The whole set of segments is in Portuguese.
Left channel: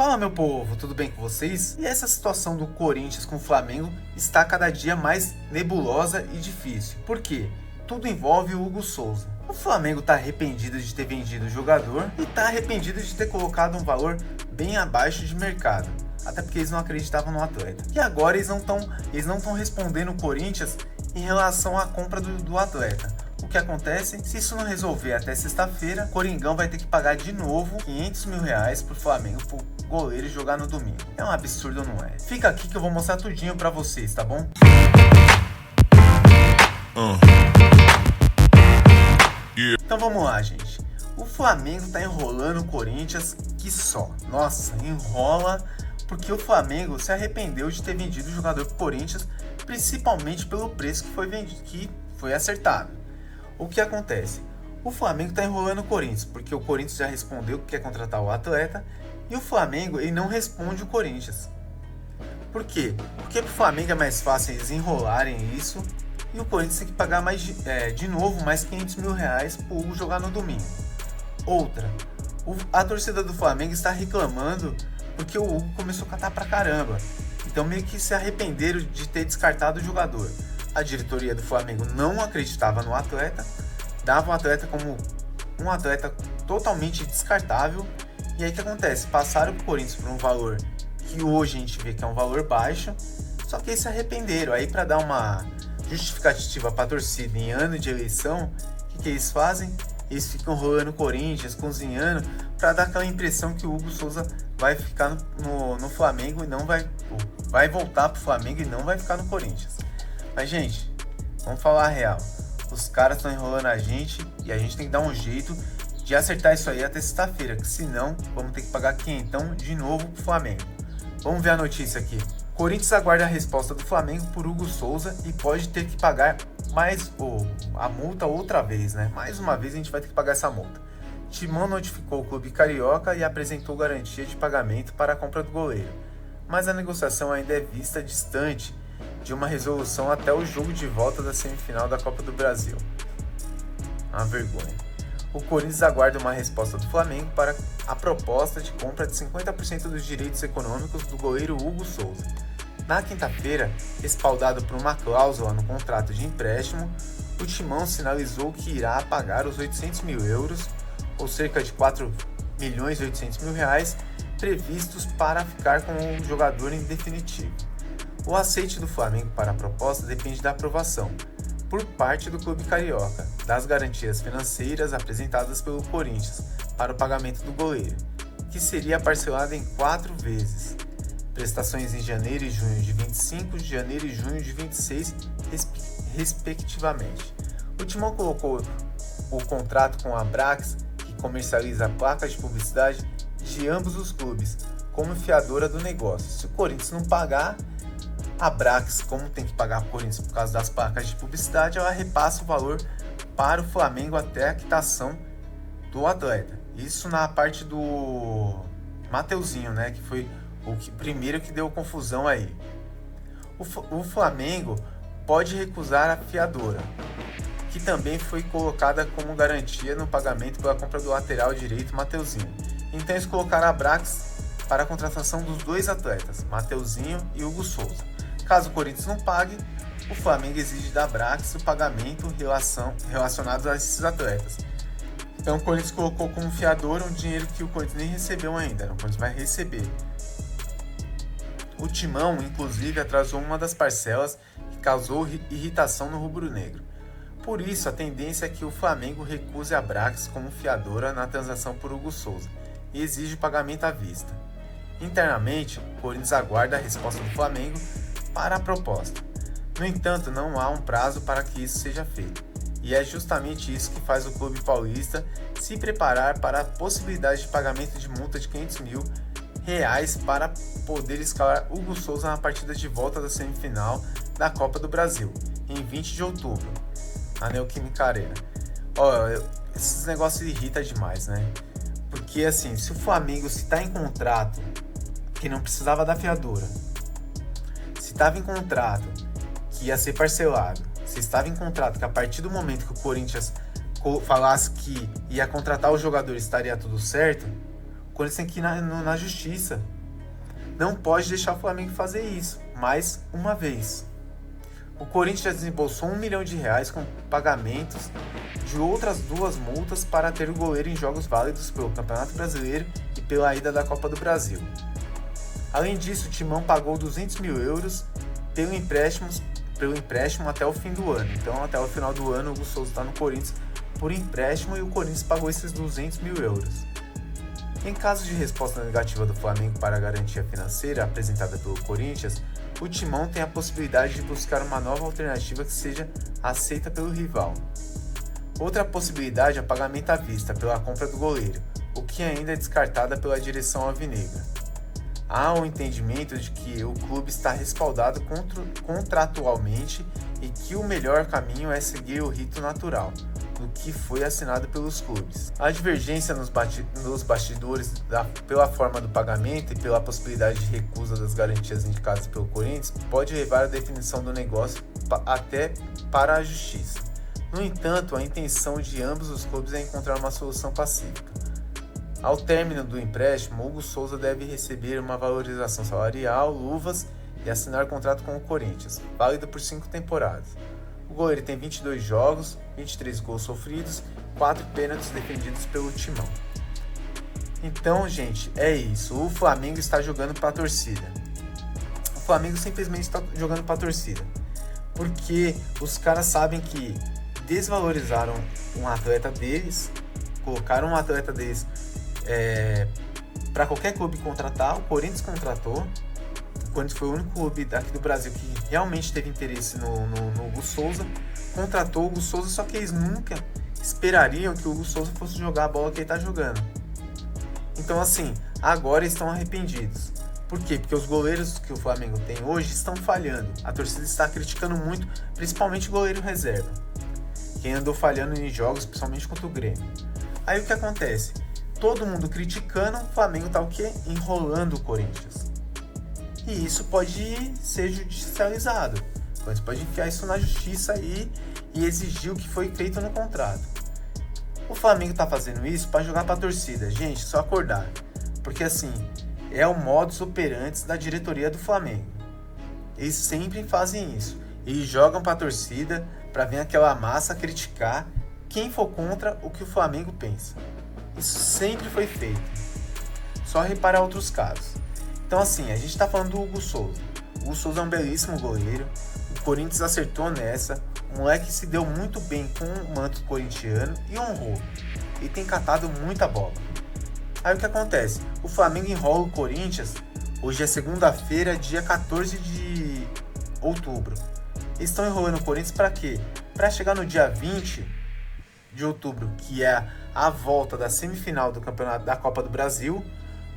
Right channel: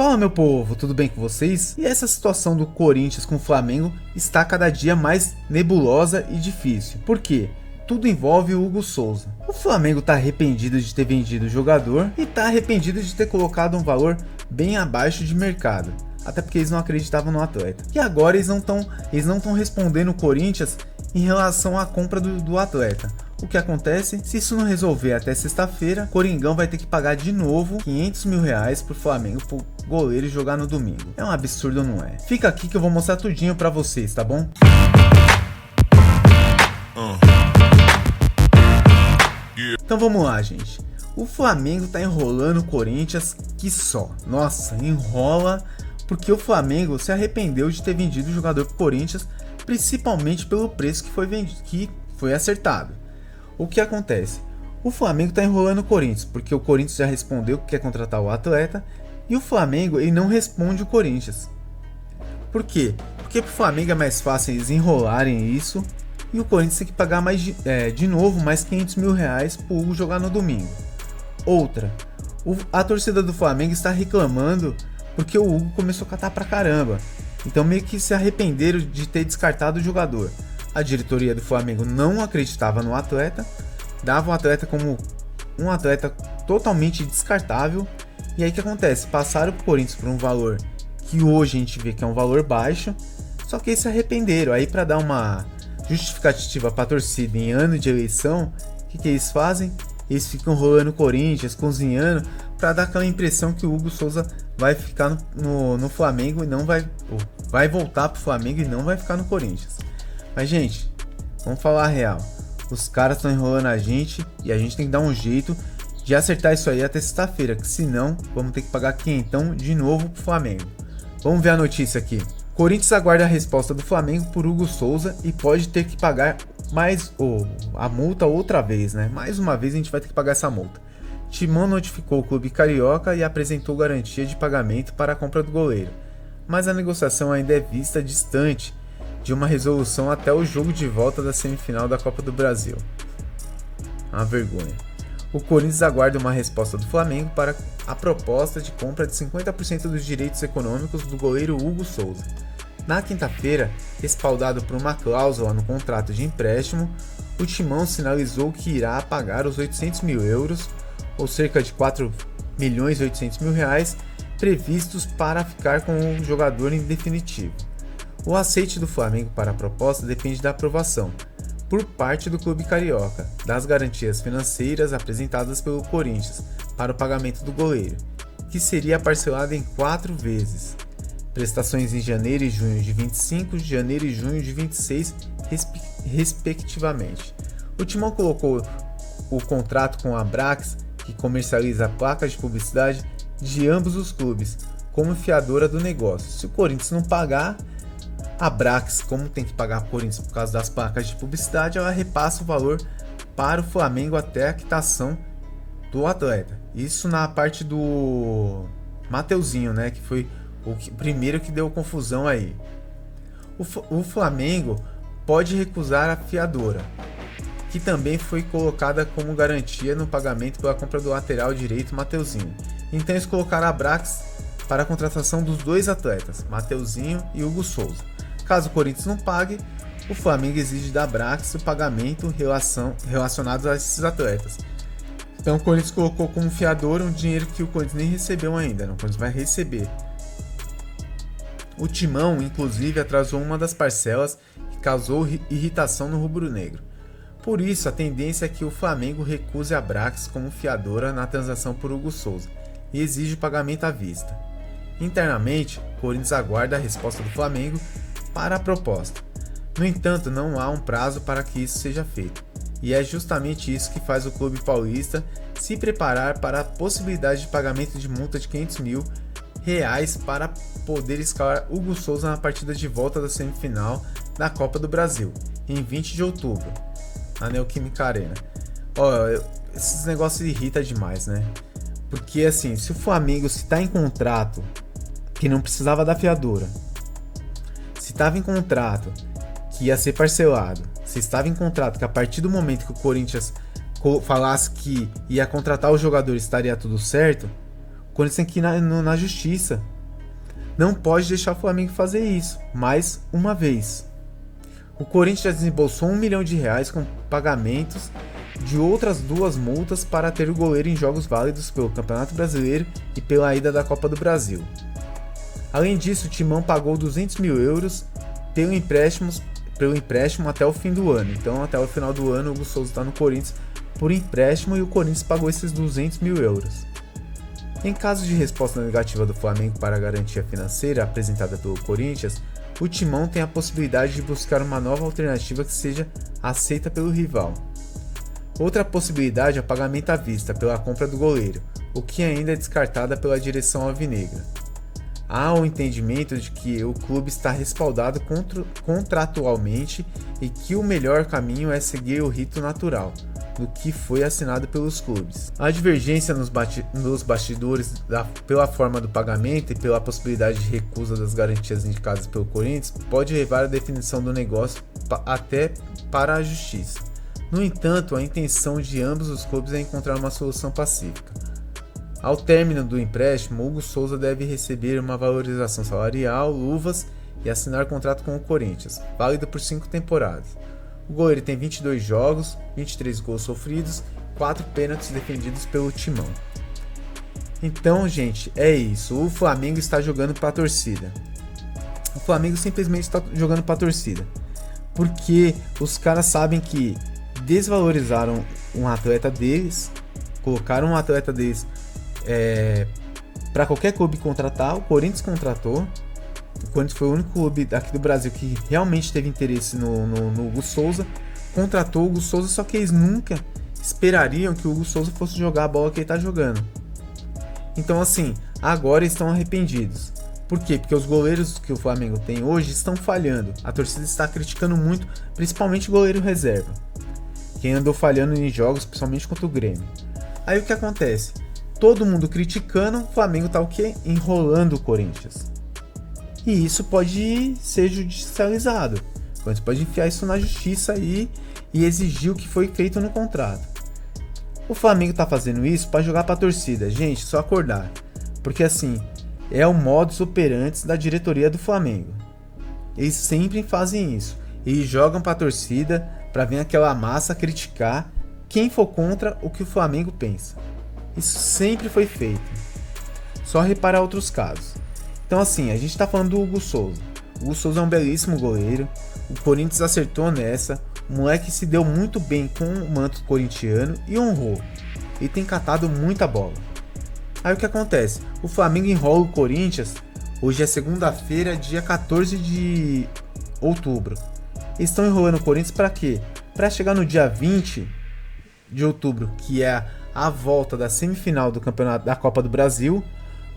Fala meu povo, tudo bem com vocês? E essa situação do Corinthians com o Flamengo está cada dia mais nebulosa e difícil. Por quê? Tudo envolve o Hugo Souza. O Flamengo está arrependido de ter vendido o jogador e está arrependido de ter colocado um valor bem abaixo de mercado. Até porque eles não acreditavam no atleta. E agora eles não estão respondendo o Corinthians em relação à compra do atleta. O que acontece? Se isso não resolver até sexta-feira, Coringão vai ter que pagar de novo R$500 mil pro Flamengo pro goleiro jogar no domingo. É um absurdo, não é? Fica aqui que eu vou mostrar tudinho pra vocês, tá bom? Então vamos lá, gente. O Flamengo tá enrolando o Corinthians que só. Nossa, enrola porque o Flamengo se arrependeu de ter vendido o jogador pro Corinthians, principalmente pelo preço que foi vendido, que foi acertado. O que acontece? O Flamengo está enrolando o Corinthians, porque o Corinthians já respondeu que quer contratar o atleta, e o Flamengo ele não responde o Corinthians. Por quê? Porque para o Flamengo é mais fácil eles enrolarem isso, e o Corinthians tem que pagar mais de novo mais R$500 mil para o Hugo jogar no domingo. Outra, a torcida do Flamengo está reclamando porque o Hugo começou a catar pra caramba, então meio que se arrependeram de ter descartado o jogador. A diretoria do Flamengo não acreditava no atleta, dava o atleta como um atleta totalmente descartável. E aí o que acontece? Passaram o Corinthians por um valor que hoje a gente vê que é um valor baixo, só que eles se arrependeram. Aí para dar uma justificativa para a torcida em ano de eleição, o que eles fazem? Eles ficam rolando o Corinthians, cozinhando, para dar aquela impressão que o Hugo Souza vai ficar no Flamengo e não vai voltar para o Flamengo e não vai ficar no Corinthians. Mas gente, vamos falar a real, os caras estão enrolando a gente e a gente tem que dar um jeito de acertar isso aí até sexta-feira, que senão vamos ter que pagar quinhentão de novo pro Flamengo. Vamos ver a notícia aqui. Corinthians aguarda a resposta do Flamengo por Hugo Souza e pode ter que pagar a multa outra vez, né? Mais uma vez a gente vai ter que pagar essa multa. Timão notificou o clube carioca e apresentou garantia de pagamento para a compra do goleiro, mas a negociação ainda é vista distante de uma resolução até o jogo de volta da semifinal da Copa do Brasil. Uma vergonha. O Corinthians aguarda uma resposta do Flamengo para a proposta de compra de 50% dos direitos econômicos do goleiro Hugo Souza. Na quinta-feira, respaldado por uma cláusula no contrato de empréstimo, o Timão sinalizou que irá pagar os €800 mil, ou cerca de R$4.800.000, previstos para ficar com o jogador em definitivo. O aceite do Flamengo para a proposta depende da aprovação, por parte do clube carioca, das garantias financeiras apresentadas pelo Corinthians para o pagamento do goleiro, que seria parcelado em 4 vezes. Prestações em janeiro e junho de 25, janeiro e junho de 26, respectivamente. O Timão colocou o contrato com a Abrax, que comercializa placas de publicidade de ambos os clubes, como fiadora do negócio. Se o Corinthians não pagar, a Abrax, como tem que pagar por isso por causa das placas de publicidade, ela repassa o valor para o Flamengo até a quitação do atleta. Isso na parte do Mateuzinho, né, que foi o primeiro que deu confusão aí. O Flamengo pode recusar a fiadora, que também foi colocada como garantia no pagamento pela compra do lateral direito Mateuzinho. Então eles colocaram a Abrax para a contratação dos dois atletas, Mateuzinho e Hugo Souza. Caso o Corinthians não pague, o Flamengo exige da Abrax o pagamento relacionado a esses atletas. Então o Corinthians colocou como fiador um dinheiro que o Corinthians nem recebeu ainda, o Corinthians vai receber. O Timão, inclusive, atrasou uma das parcelas que causou irritação no rubro-negro. Por isso, a tendência é que o Flamengo recuse a Abrax como fiadora na transação por Hugo Souza e exige o pagamento à vista. Internamente, o Corinthians aguarda a resposta do Flamengo para a proposta. No entanto, não há um prazo para que isso seja feito, e é justamente isso que faz o clube paulista se preparar para a possibilidade de pagamento de multa de R$500 mil para poder escalar Hugo Souza na partida de volta da semifinal da Copa do Brasil, em 20 de outubro, na Neoquímica Arena. Esses negócios irritam demais, né? Porque assim, se o Flamengo está em contrato que não precisava da fiadora, se estava em contrato que ia ser parcelado, se estava em contrato que a partir do momento que o Corinthians falasse que ia contratar o jogador estaria tudo certo, o Corinthians tem que ir na justiça. Não pode deixar o Flamengo fazer isso, mais uma vez. O Corinthians já desembolsou R$1 milhão com pagamentos de outras 2 multas para ter o goleiro em jogos válidos pelo Campeonato Brasileiro e pela ida da Copa do Brasil. Além disso, o Timão pagou €200 mil pelo empréstimo até o fim do ano. Então, até o final do ano, o Hugo Souza está no Corinthians por empréstimo e o Corinthians pagou esses €200 mil. Em caso de resposta negativa do Flamengo para a garantia financeira apresentada pelo Corinthians, o Timão tem a possibilidade de buscar uma nova alternativa que seja aceita pelo rival. Outra possibilidade é o pagamento à vista pela compra do goleiro, o que ainda é descartada pela direção alvinegra. Há o entendimento de que o clube está respaldado contratualmente e que o melhor caminho é seguir o rito natural, do que foi assinado pelos clubes. A divergência nos bastidores pela forma do pagamento e pela possibilidade de recusa das garantias indicadas pelo Corinthians pode levar à definição do negócio até para a justiça. No entanto, a intenção de ambos os clubes é encontrar uma solução pacífica. Ao término do empréstimo, Hugo Souza deve receber uma valorização salarial, luvas e assinar contrato com o Corinthians, válido por 5 temporadas. O goleiro tem 22 jogos, 23 gols sofridos, 4 pênaltis defendidos pelo Timão. Então, gente, é isso. O Flamengo está jogando para a torcida. O Flamengo simplesmente está jogando para a torcida. Porque os caras sabem que desvalorizaram um atleta deles, colocaram um atleta deles para qualquer clube contratar. O Corinthians contratou. O Corinthians foi o único clube aqui do Brasil que realmente teve interesse no Hugo Souza. Contratou o Hugo Souza, só que eles nunca esperariam que o Hugo Souza fosse jogar a bola que ele está jogando. Então, assim, agora estão arrependidos. Por quê? Porque os goleiros que o Flamengo tem hoje estão falhando. A torcida está criticando muito, principalmente o goleiro reserva, quem andou falhando em jogos, principalmente contra o Grêmio. Aí o que acontece? Todo mundo criticando, o Flamengo tá o quê? Enrolando o Corinthians. E isso pode ser judicializado. O Corinthians pode enfiar isso na justiça e exigir o que foi feito no contrato. O Flamengo tá fazendo isso para jogar pra torcida. Gente, só acordar. Porque assim, é o modus operandi da diretoria do Flamengo. Eles sempre fazem isso. Eles jogam pra torcida para vir aquela massa criticar quem for contra o que o Flamengo pensa. Isso sempre foi feito. Só reparar outros casos. Então assim, a gente tá falando do Hugo Souza. O Hugo Souza é um belíssimo goleiro. O Corinthians acertou nessa. O moleque se deu muito bem com o manto corintiano e honrou. Ele tem catado muita bola. Aí o que acontece? O Flamengo enrola o Corinthians. Hoje é segunda-feira, dia 14 de outubro. Eles estão enrolando o Corinthians para quê? Para chegar no dia 20 de outubro, que é a volta da semifinal do campeonato da Copa do Brasil,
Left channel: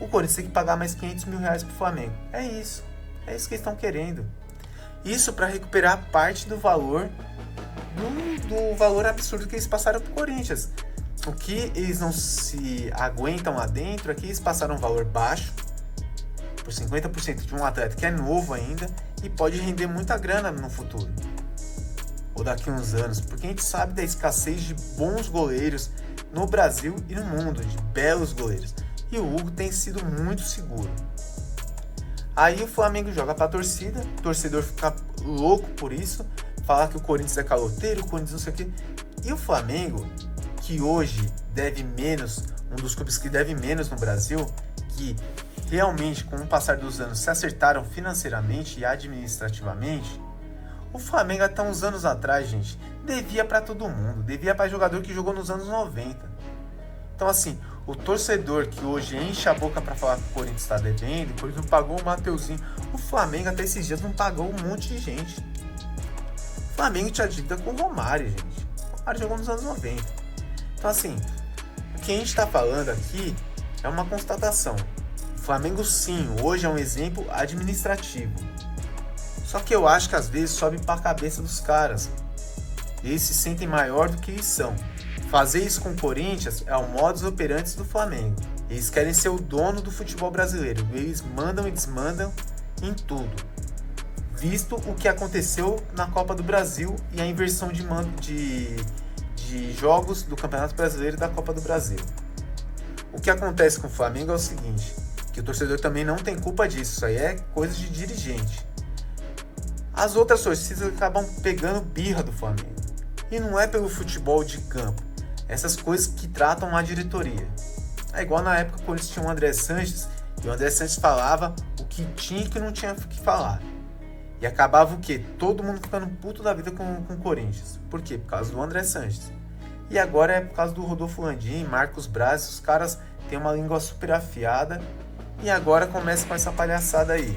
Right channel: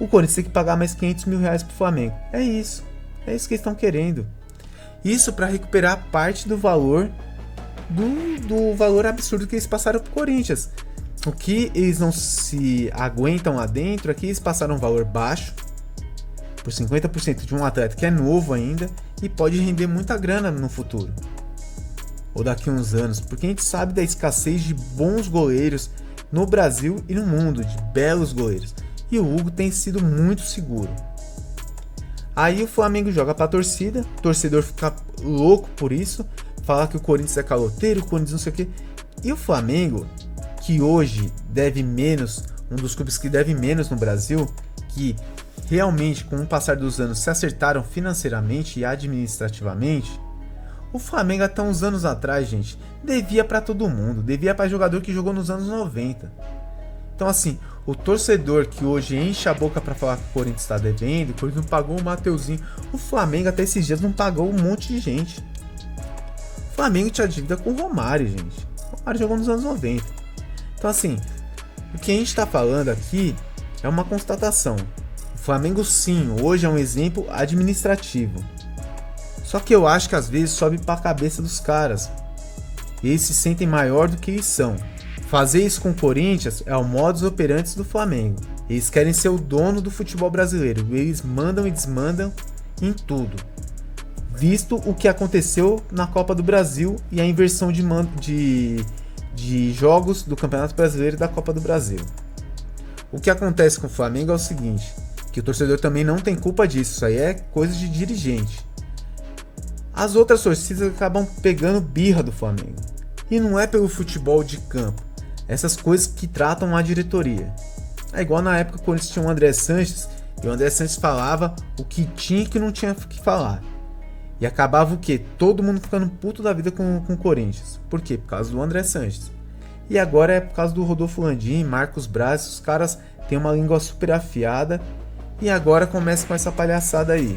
o Corinthians tem que pagar mais R$500 mil pro Flamengo. É isso que eles estão querendo. Isso para recuperar parte do valor do valor absurdo que eles passaram pro Corinthians. O que eles não se aguentam lá dentro é que eles passaram um valor baixo por 50% de um atleta que é novo ainda e pode render muita grana no futuro ou daqui a uns anos, porque a gente sabe da escassez de bons goleiros no Brasil e no mundo, de belos goleiros, e o Hugo tem sido muito seguro. Aí o Flamengo joga pra torcida, o torcedor fica louco por isso, fala que o Corinthians é caloteiro, o Corinthians não sei o que, e o Flamengo, que hoje deve menos, um dos clubes que deve menos no Brasil, que realmente com o passar dos anos se acertaram financeiramente e administrativamente, o Flamengo até uns anos atrás, gente, devia para todo mundo, devia para jogador que jogou nos anos 90. Então assim, o torcedor que hoje enche a boca para falar que o Corinthians está devendo, porque não pagou o Mateuzinho, o Flamengo até esses dias não pagou um monte de gente. O Flamengo tinha dívida com o Romário, gente. O Romário jogou nos anos 90. Então assim, o que a gente está falando aqui é uma constatação. O Flamengo sim, hoje é um exemplo administrativo. Só que eu acho que às vezes sobe para a cabeça dos caras. Eles se sentem maior do que eles são. Fazer isso com o Corinthians é o modus operandi do Flamengo. Eles querem ser o dono do futebol brasileiro. Eles mandam e desmandam em tudo. Visto o que aconteceu na Copa do Brasil e a inversão de jogos do Campeonato Brasileiro e da Copa do Brasil. O que acontece com o Flamengo é o seguinte, que o torcedor também não tem culpa disso, isso aí é coisa de dirigente. As outras torcidas acabam pegando birra do Flamengo. E não é pelo futebol de campo, essas coisas que tratam a diretoria. É igual na época quando tinha o André Sanches, e o André Sanches falava o que tinha e o que não tinha que falar. E acabava o quê? Todo mundo ficando puto da vida com o Corinthians. Por quê? Por causa do André Sanches. E agora é por causa do Rodolfo Landim, Marcos Braz, os caras têm uma língua super afiada. E agora começa com essa palhaçada aí.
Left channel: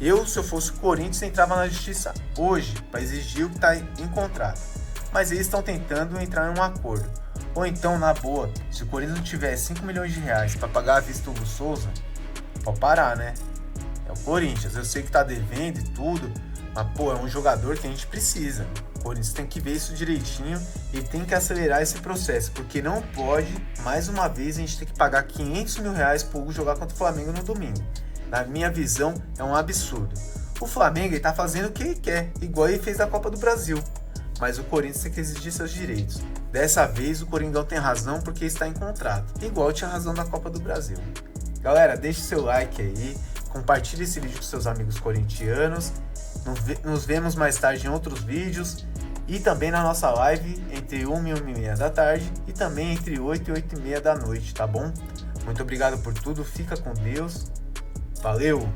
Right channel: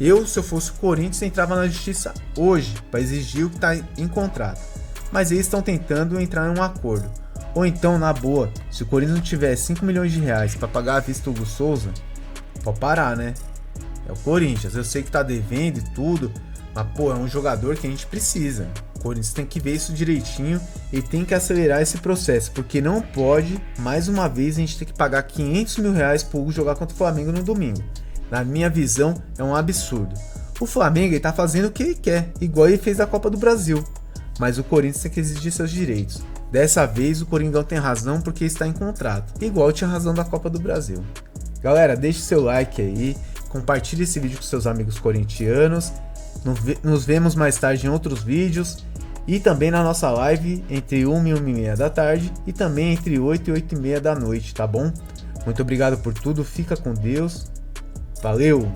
Eu, se eu fosse o Corinthians, entrava na justiça hoje para exigir o que está em contrato. Mas eles estão tentando entrar em um acordo. Ou então, na boa, se o Corinthians não tiver 5 milhões de reais para pagar a vista do Hugo Souza, pode parar, né? É o Corinthians, eu sei que tá devendo e tudo, mas pô, é um jogador que a gente precisa. O Corinthians tem que ver isso direitinho e tem que acelerar esse processo, porque não pode, mais uma vez, a gente ter que pagar 500 mil reais pro Hugo jogar contra o Flamengo no domingo. Na minha visão, é um absurdo. O Flamengo ele tá fazendo o que ele quer, igual ele fez na Copa do Brasil. Mas o Corinthians tem que exigir seus direitos. Dessa vez o Coringão tem razão porque está em contrato, igual tinha razão da Copa do Brasil. Galera, deixe seu like aí, compartilhe esse vídeo com seus amigos corintianos. Nos vemos mais tarde em outros vídeos e também na nossa live entre 1 e 1h30 da tarde e também entre 8 e 8h30 da noite, tá bom? Muito obrigado por tudo, fica com Deus, valeu!